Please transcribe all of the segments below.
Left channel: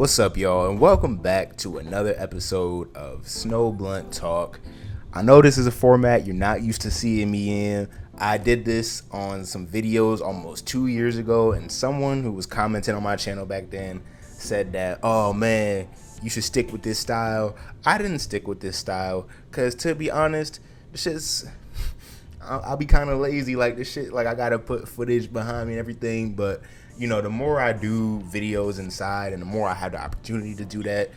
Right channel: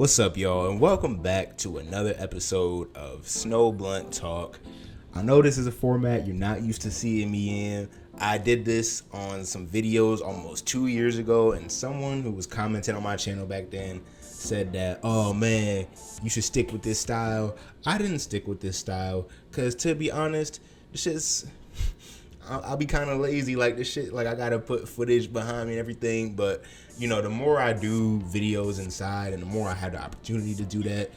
What's up, y'all, and welcome back to another episode of Snow Blunt Talk. I know this is a format you're not used to seeing me in. I did this on some videos almost 2 years ago, and someone who was commenting on my channel back then said that, oh man, you should stick with this style. I didn't stick with this style because, to be honest, this shit's I'll be kind of lazy, like this shit, like I gotta put footage behind me and everything. But you know, the more I do videos inside and the more I have the opportunity to do that,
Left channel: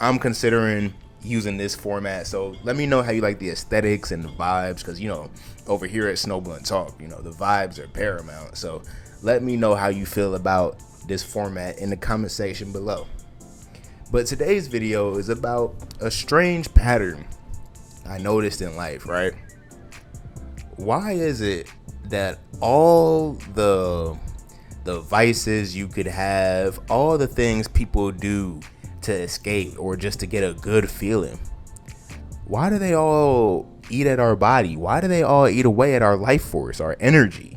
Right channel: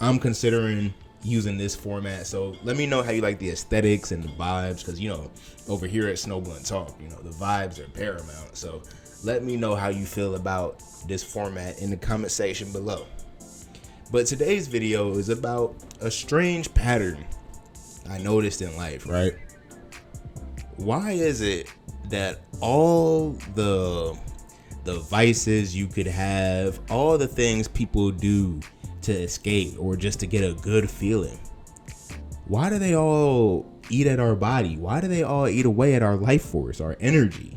I'm considering using this format. So let me know how you like the aesthetics and the vibes, because you know, over here at Snow Blunt Talk, you know, the vibes are paramount. So let me know how you feel about this format in the comment section below. But today's video is about a strange pattern I noticed in life, right? Why is it that all the vices you could have, all the things people do to escape or just to get a good feeling, why do they all eat at our body? Why do they all eat away at our life force, our energy,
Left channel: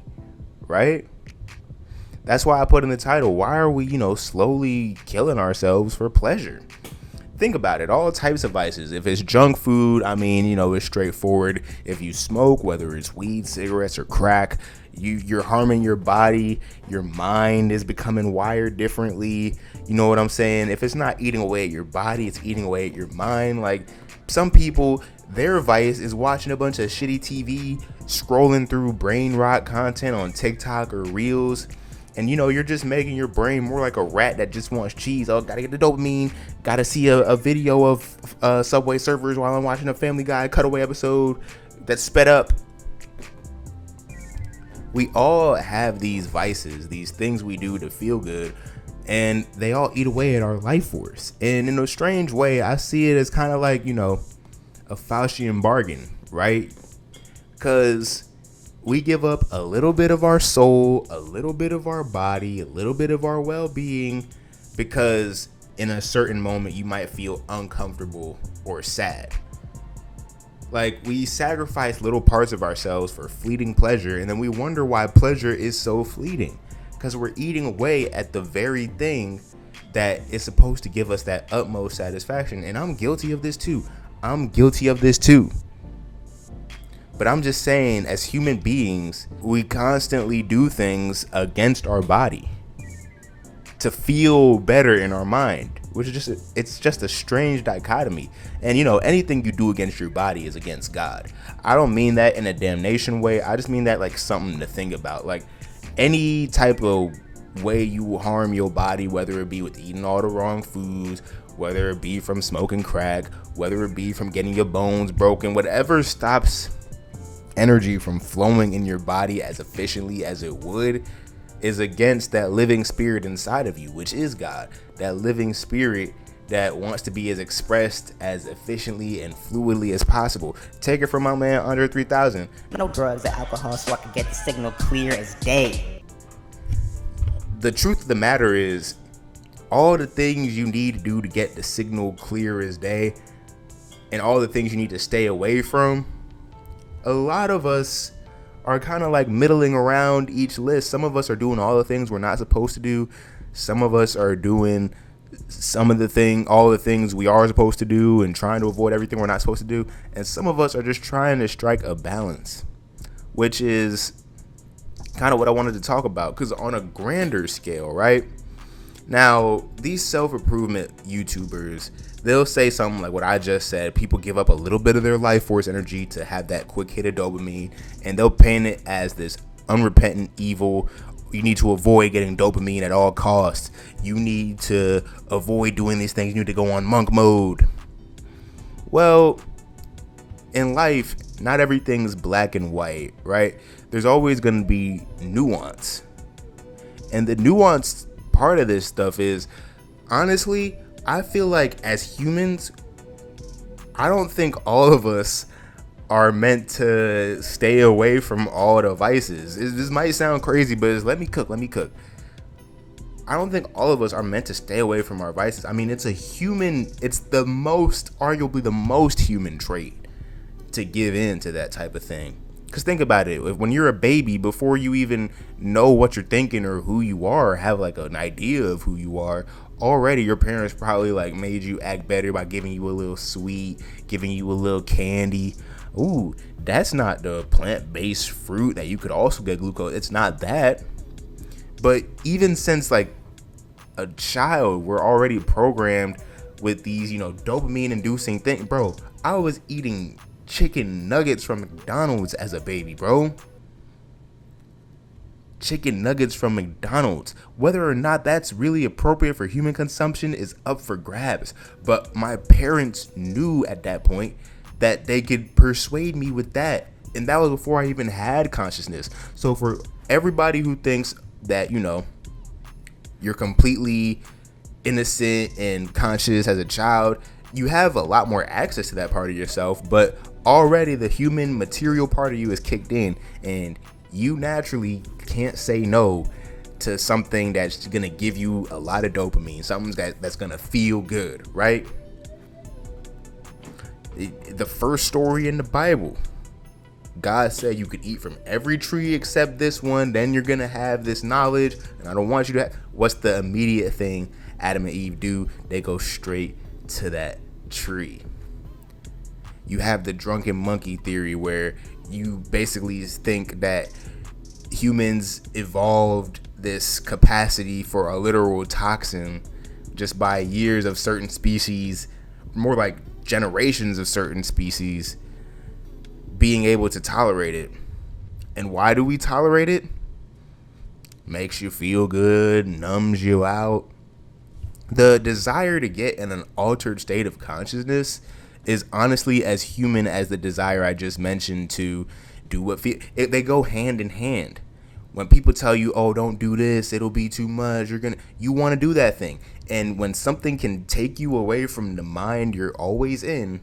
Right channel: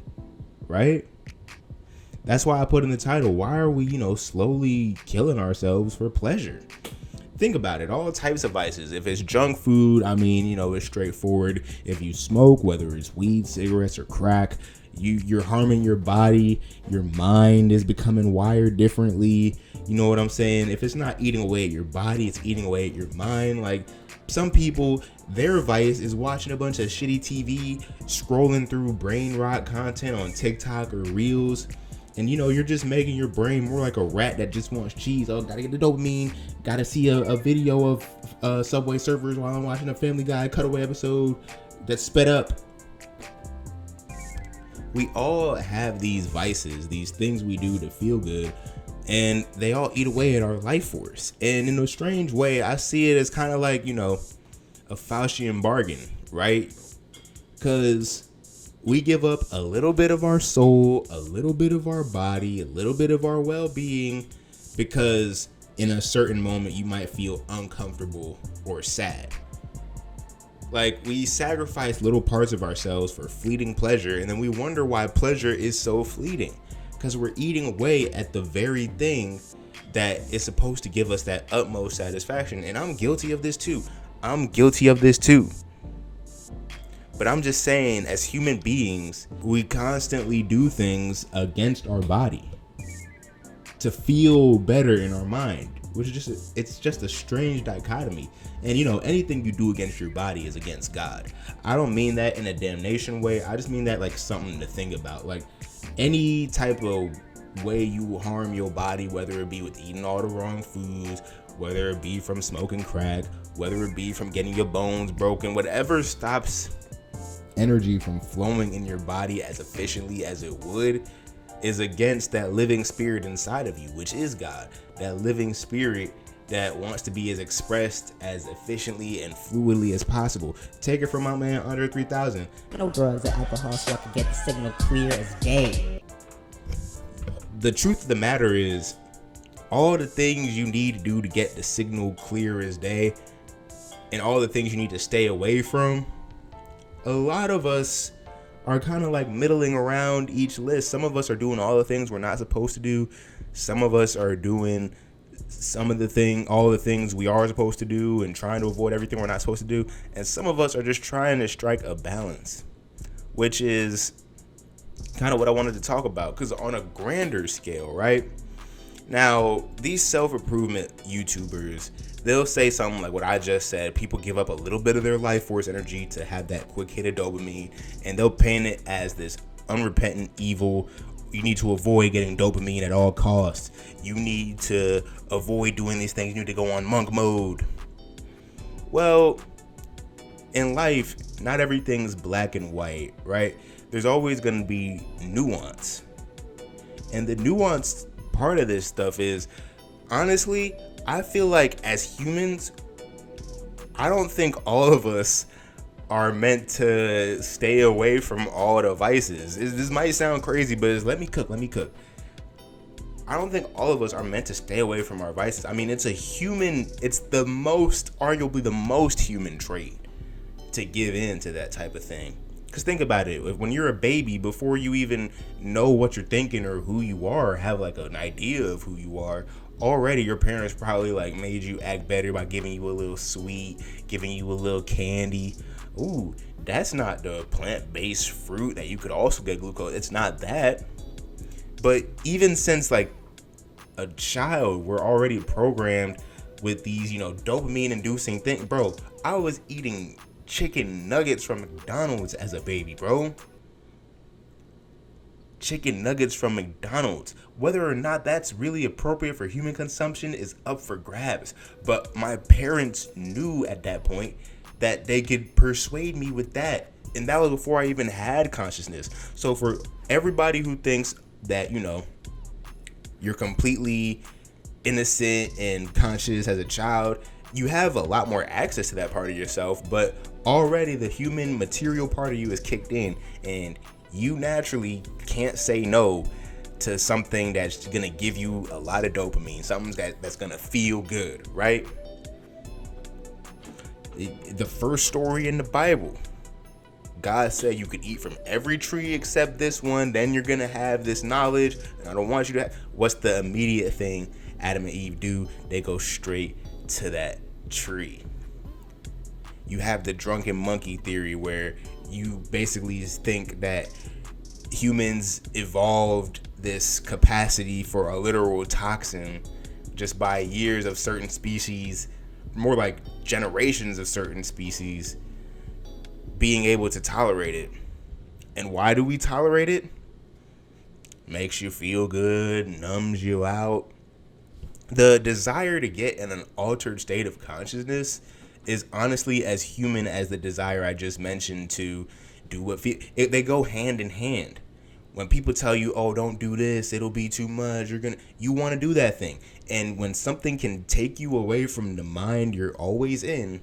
right? That's why I put in the title, why are we, slowly killing ourselves for pleasure? Think about it, all types of vices. If it's junk food, it's straightforward. If you smoke, whether it's weed, cigarettes, or crack, you're harming your body. Your mind is becoming wired differently. You know what I'm saying? If it's not eating away at your body, it's eating away at your mind. Like some people, their vice is watching a bunch of shitty TV, scrolling through brain rot content on TikTok or Reels. And you're just making your brain more like a rat that just wants cheese. Oh, gotta get the dopamine. Gotta see a video of Subway Surfers while I'm watching a Family Guy cutaway episode that's sped up. We all have these vices, these things we do to feel good, and they all eat away at our life force. And in a strange way, I see it as kind of like, a Faustian bargain, right? Because we give up a little bit of our soul, a little bit of our body, a little bit of our well-being, because in a certain moment you might feel uncomfortable or sad. Like we sacrifice little parts of ourselves for fleeting pleasure, and then we wonder why pleasure is so fleeting, because we're eating away at the very thing that is supposed to give us that utmost satisfaction. And I'm guilty of this too. But I'm just saying, as human beings, we constantly do things against our body to feel better in our mind, which is it's just a strange dichotomy. And anything you do against your body is against God. I don't mean that in a damnation way. I just mean that like something to think about. Like any type of way you harm your body, whether it be with eating all the wrong foods, whether it be from smoking crack, whether it be from getting your bones broken, whatever stops energy from flowing in your body as efficiently as it would, is against that living spirit inside of you, which is God. That living spirit that wants to be as expressed as efficiently and fluidly as possible. Take it from my man Andre 3000. No drugs or alcohol so I can get the signal clear as day. The truth of the matter is, all the things you need to do to get the signal clear as day, and all the things you need to stay away from, a lot of us are kind of like middling around each list. Some of us are doing all the things we're not supposed to do. Some of us are doing all the things we are supposed to do and trying to avoid everything we're not supposed to do. And some of us are just trying to strike a balance, which is kind of what I wanted to talk about. Because on a grander scale, right? Now, these self-improvement YouTubers, they'll say something like what I just said. People give up a little bit of their life force energy to have that quick hit of dopamine, and they'll paint it as this unrepentant evil. You need to avoid getting dopamine at all costs. You need to avoid doing these things. You need to go on monk mode. Well, in life, not everything's black and white, right? There's always going to be nuance. And the nuanced part of this stuff is, honestly, I feel like as humans, I don't think all of us are meant to stay away from all the vices. This might sound crazy, but let me cook. I don't think all of us are meant to stay away from our vices. I mean, it's arguably the most human trait to give in to that type of thing. Because think about it, when you're a baby, before you even know what you're thinking or who you are, have like an idea of who you are, already your parents probably like made you act better by giving you a little sweet, giving you a little candy. Ooh, that's not the plant-based fruit that you could also get glucose. It's not that. But even since like a child, we're already programmed with these, dopamine inducing things. Bro, I was eating chicken nuggets from McDonald's as a baby, bro. Chicken nuggets from McDonald's. Whether or not that's really appropriate for human consumption is up for grabs. But my parents knew at that point that they could persuade me with that. And that was before I even had consciousness. So for everybody who thinks that, you're completely innocent and conscious as a child, you have a lot more access to that part of yourself, but already the human material part of you is kicked in, and you naturally can't say no to something that's gonna give you a lot of dopamine, something that's gonna feel good, right? The first story in the Bible, God said you could eat from every tree except this one, then you're gonna have this knowledge, and I don't want you to have. What's the immediate thing Adam and Eve do? They go straight to that tree. You have the drunken monkey theory, where you basically think that humans evolved this capacity for a literal toxin just by years of certain species, more like generations of certain species being able to tolerate it. And why do we tolerate it? Makes you feel good, numbs you out. The desire to get in an altered state of consciousness is honestly as human as the desire I just mentioned to do what they go hand in hand. When people tell you, oh, don't do this, it'll be too much, you want to do that thing. And when something can take you away from the mind you're always in,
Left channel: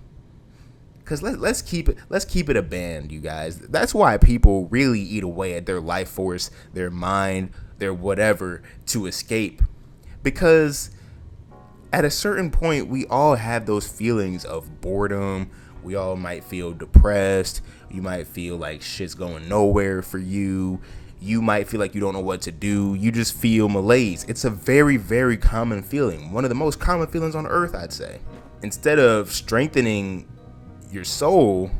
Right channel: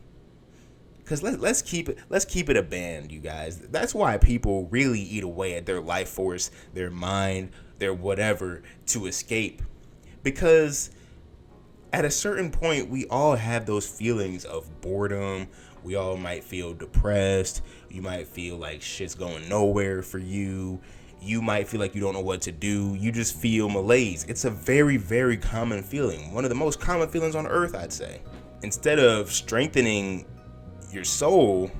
because let's keep it a band, you guys. That's why people really eat away at their life force, their mind, their whatever, to escape. Because at a certain point, we all have those feelings of boredom. We all might feel depressed. You might feel like shit's going nowhere for you. You might feel like you don't know what to do. You just feel malaise. It's a very, very common feeling. One of the most common feelings on earth, I'd say. Instead of strengthening your soul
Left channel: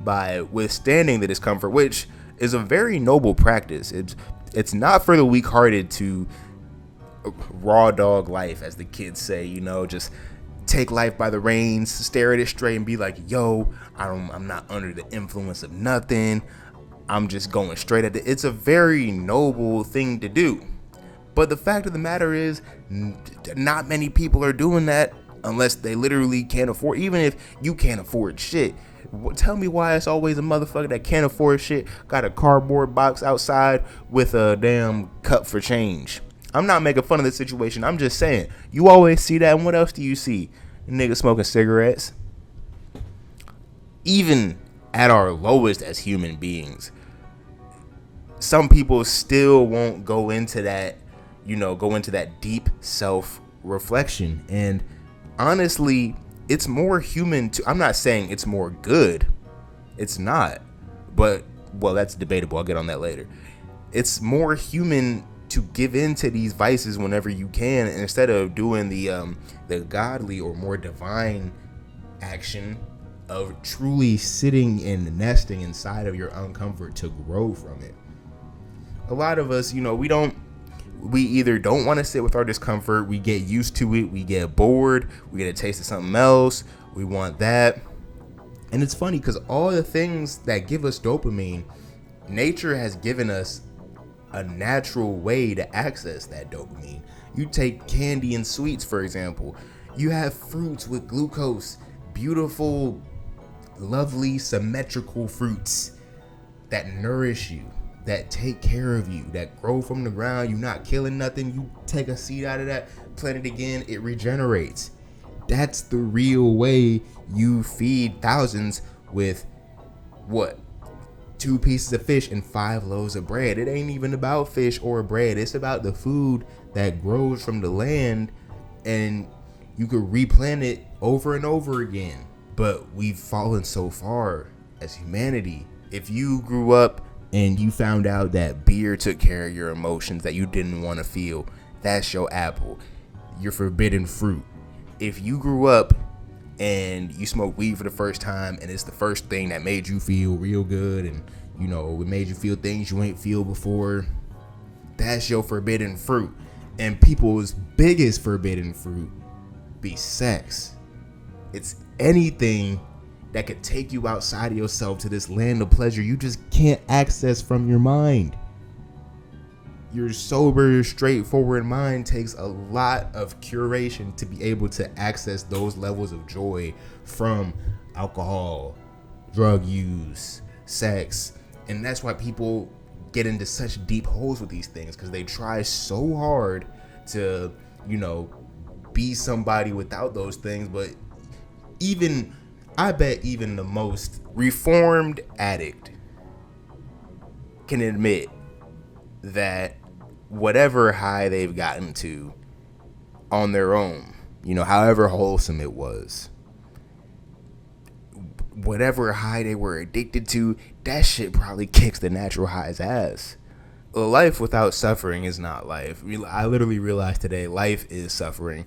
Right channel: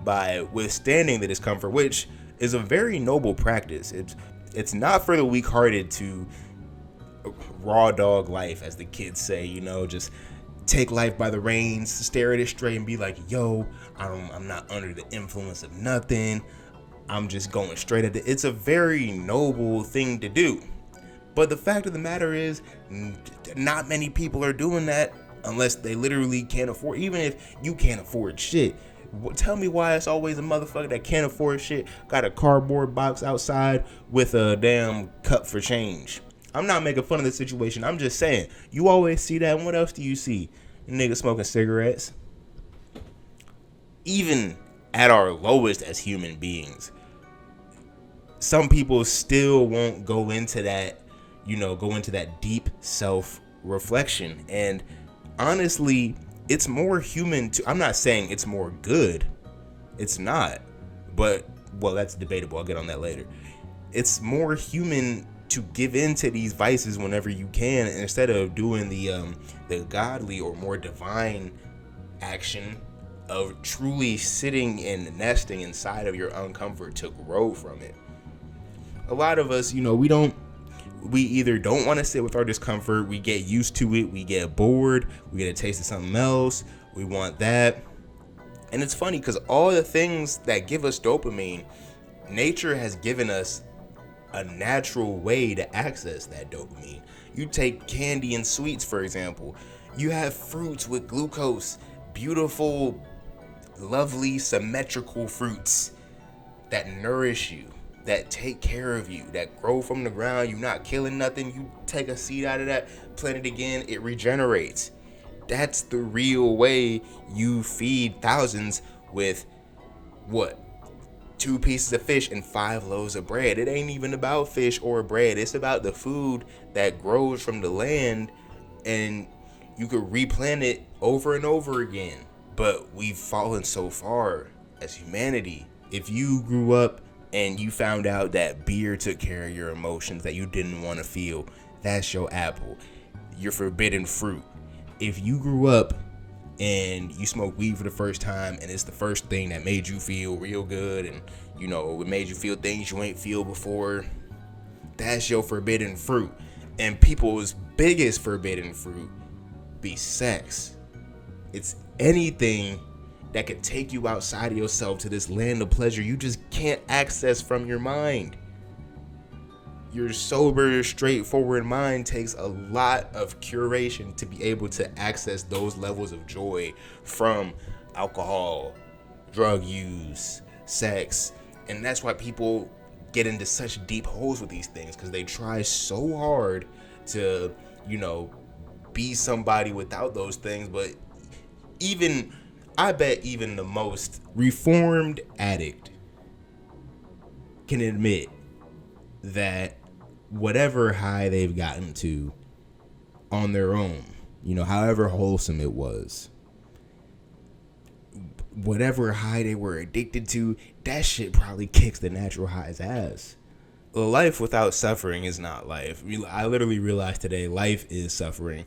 by withstanding the discomfort, which is a very noble practice. It's not for the weak-hearted to raw dog life, as the kids say, just take life by the reins, stare at it straight and be like, yo, I'm not under the influence of nothing. I'm just going straight at it. It's a very noble thing to do. But the fact of the matter is, not many people are doing that unless they literally can't afford. Even if you can't afford shit, tell me why it's always a motherfucker that can't afford shit got a cardboard box outside with a damn cup for change. I'm not making fun of the situation. I'm just saying, you always see that. And what else do you see? Niggas smoking cigarettes. Even at our lowest as human beings, some people still won't go into that, deep self-reflection. And honestly, it's more human I'm not saying it's more good. It's not. But, well, that's debatable. I'll get on that later. It's more human to give in to these vices whenever you can, instead of doing the godly or more divine action of truly sitting and nesting inside of your uncomfort to grow from it. A lot of us, we either don't want to sit with our discomfort, we get used to it, we get bored, we get a taste of something else, we want that. And it's funny because all the things that give us dopamine, nature has given us a natural way to access that dopamine. You take candy and sweets, for example. You have fruits with glucose, beautiful, lovely, symmetrical fruits that nourish you, that take care of you, that grow from the ground. You're not killing nothing. You take a seed out of that, plant it again, it regenerates. That's the real way you feed thousands with what? 2 pieces of fish and 5 loaves of bread. It ain't even about fish or bread. It's about the food that grows from the land, and you could replant it over and over again. But we've fallen so far as humanity. If you grew up and you found out that beer took care of your emotions that you didn't want to feel, that's your apple. your forbidden fruit. If you grew up and you smoke weed for the first time and it's the first thing that made you feel real good, and you know it made you feel things you ain't feel before, that's your forbidden fruit. And people's biggest forbidden fruit be sex. It's anything that could take you outside of yourself to this land of pleasure you just can't access from your mind. Your sober, straightforward mind takes a lot of curation to be able to access those levels of joy from alcohol, drug use, sex. And that's why people get into such deep holes with these things, because they try so hard to, you know, be somebody without those things. But I bet even the most reformed addict can admit that whatever high they've gotten to on their own, you know, however wholesome it was, whatever high they were addicted to, that shit probably kicks the natural high's ass. Life without suffering is not life. I literally realized today, life is suffering.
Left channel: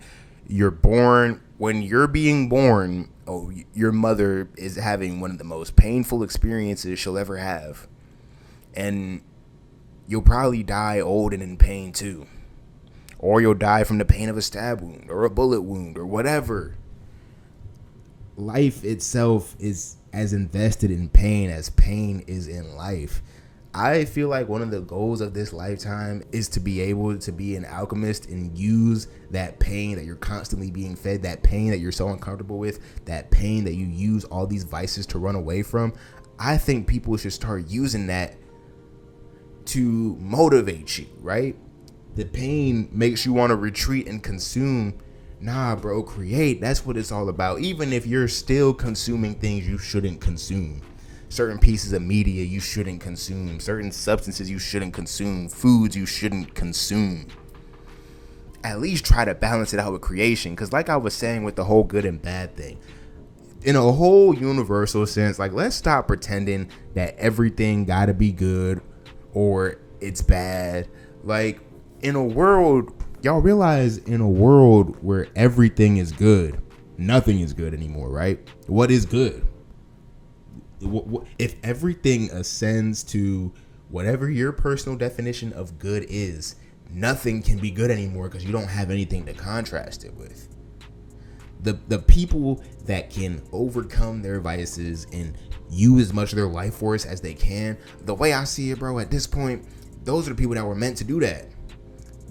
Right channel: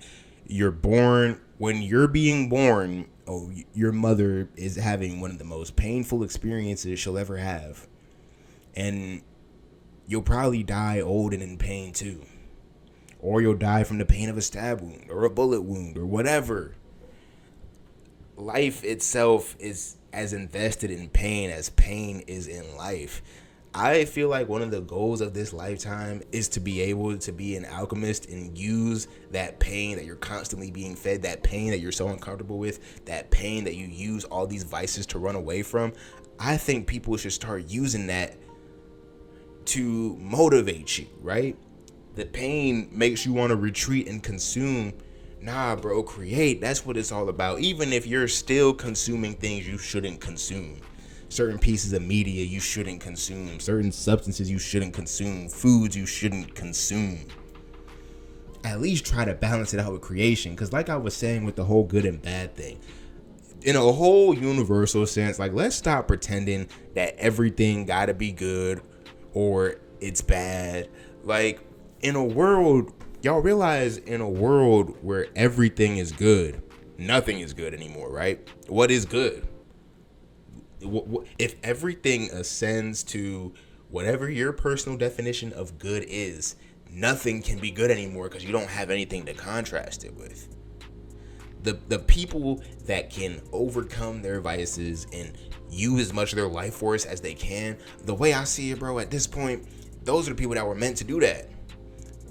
You're born, when you're being born, your mother is having one of the most painful experiences she'll ever have. And you'll probably die old and in pain too. Or you'll die from the pain of a stab wound or a bullet wound or whatever. Life itself is as invested in pain as pain is in life. I feel like one of the goals of this lifetime is to be able to be an alchemist and use that pain that you're constantly being fed, that pain that you're so uncomfortable with, that pain that you use all these vices to run away from. I think people should start using that to motivate you, right? The pain makes you want to retreat and consume. Nah, bro, create. That's what it's all about. Even if you're still consuming things you shouldn't consume. Certain pieces of media you shouldn't consume. Certain substances you shouldn't consume. Foods you shouldn't consume. At least try to balance it out with creation. Because like I was saying with the whole good and bad thing, in a whole universal sense, like, let's stop pretending that everything gotta be good or it's bad. Like, in a world, y'all realize, in a world where everything is good, nothing is good anymore, right? What is good? If everything ascends to whatever your personal definition of good is, nothing can be good anymore because you don't have anything to contrast it with. The people that can overcome their vices and use as much of their life force as they can, the way I see it, bro, at this point, those are the people that were meant to do that.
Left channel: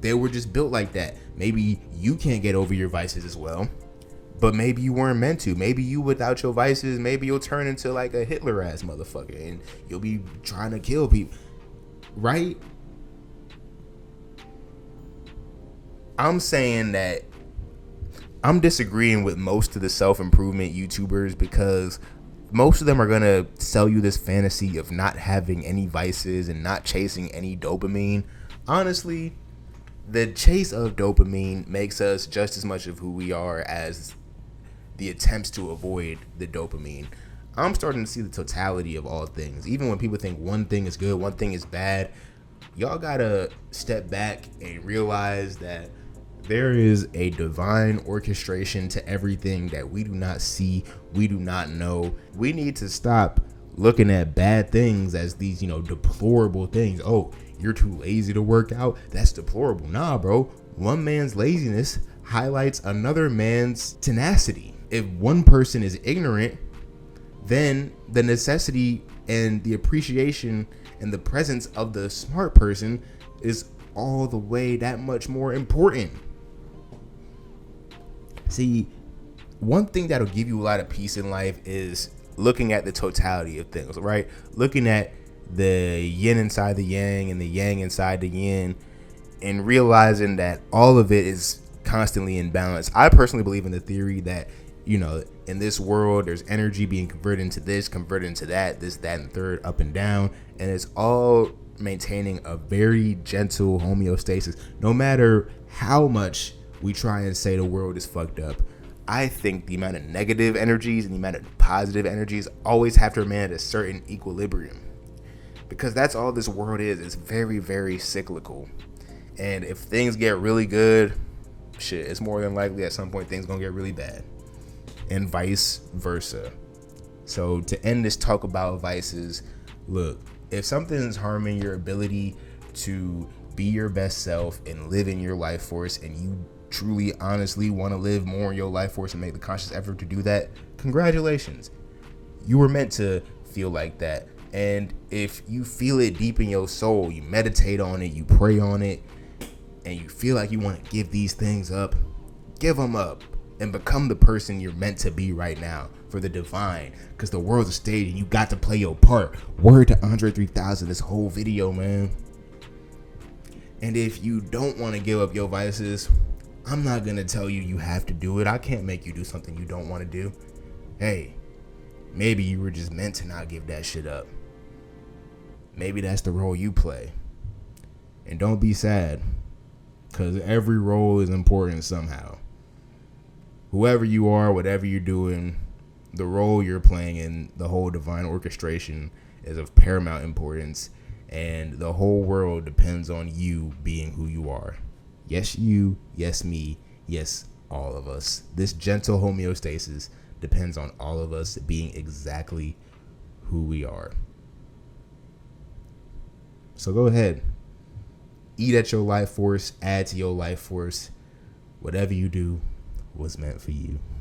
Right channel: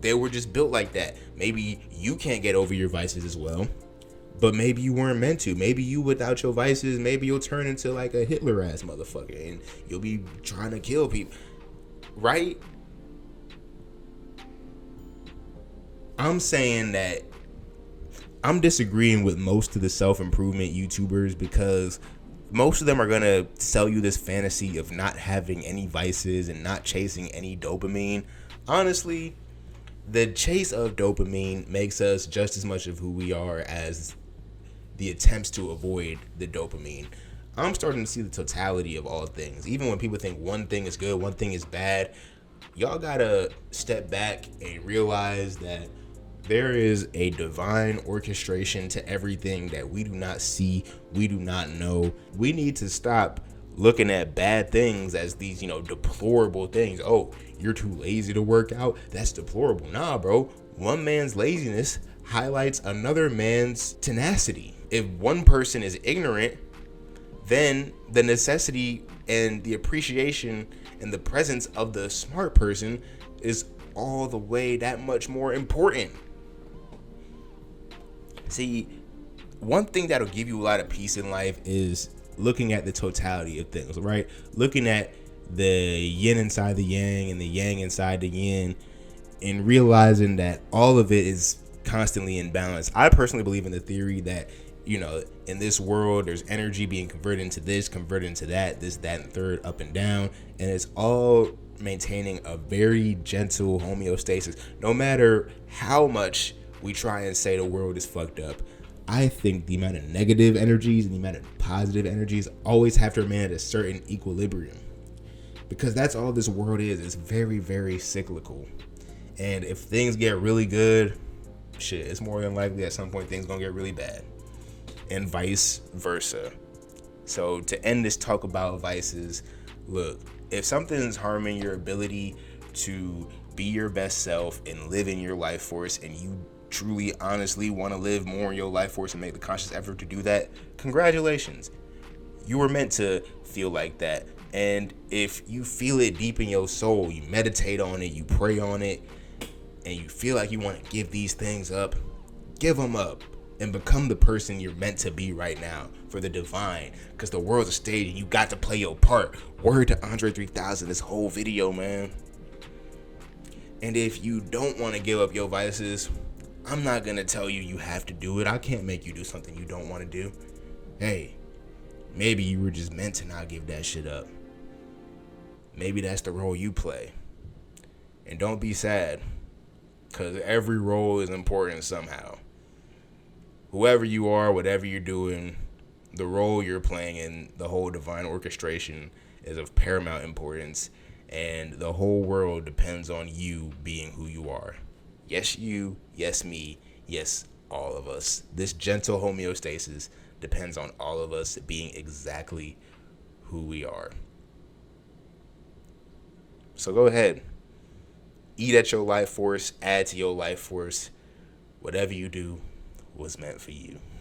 They were just built like that. Maybe you can't get over your vices as well, but maybe you weren't meant to. Maybe you, without your vices, maybe you'll turn into like a Hitler ass motherfucker and you'll be trying to kill people, right? I'm saying that I'm disagreeing with most of the self-improvement YouTubers, because most of them are going to sell you this fantasy of not having any vices and not chasing any dopamine. Honestly, the chase of dopamine makes us just as much of who we are as the attempts to avoid the dopamine. I'm starting to see the totality of all things. Even when people think one thing is good, one thing is bad, y'all gotta step back and realize that there is a divine orchestration to everything that we do not see, we do not know. We need to stop looking at bad things as these, deplorable things. Oh, you're too lazy to work out? That's deplorable. Nah, bro. One man's laziness highlights another man's tenacity. If one person is ignorant, then the necessity and the appreciation and the presence of the smart person is all the way that much more important. See, one thing that'll give you a lot of peace in life is looking at the totality of things, right? Looking at the yin inside the yang and the yang inside the yin, and realizing that all of it is constantly in balance. I personally believe in the theory that, in this world, there's energy being converted into this, converted into that, this, that, and third, up and down, and it's all maintaining a very gentle homeostasis. No matter how much we try and say the world is fucked up, I think the amount of negative energies and the amount of positive energies always have to remain at a certain equilibrium, because that's all this world is. It's very, very cyclical. And if things get really good, shit, it's more than likely at some point things gonna get really bad. And vice versa. So to end this talk about vices, look, if something's harming your ability to be your best self and live in your life force, and you truly honestly want to live more in your life force and make the conscious effort to do that, congratulations. You were meant to feel like that. And if you feel it deep in your soul, you meditate on it, you pray on it, and you feel like you want to give these things up, give them up and become the person you're meant to be right now for the divine, because the world's a stage and you got to play your part. Word to Andre 3000 this whole video, man. And if you don't want to give up your vices, I'm not going to tell you you have to do it. I can't make you do something you don't want to do. Hey, maybe you were just meant to not give that shit up. Maybe that's the role you play. And don't be sad, because every role is important somehow. Whoever you are, whatever you're doing, the role you're playing in the whole divine orchestration is of paramount importance, and the whole world depends on you being who you are. Yes, you, yes, me, yes, all of us. This gentle homeostasis depends on all of us being exactly who we are. So go ahead. Eat at your life force, add to your life force. Whatever you do was meant for you.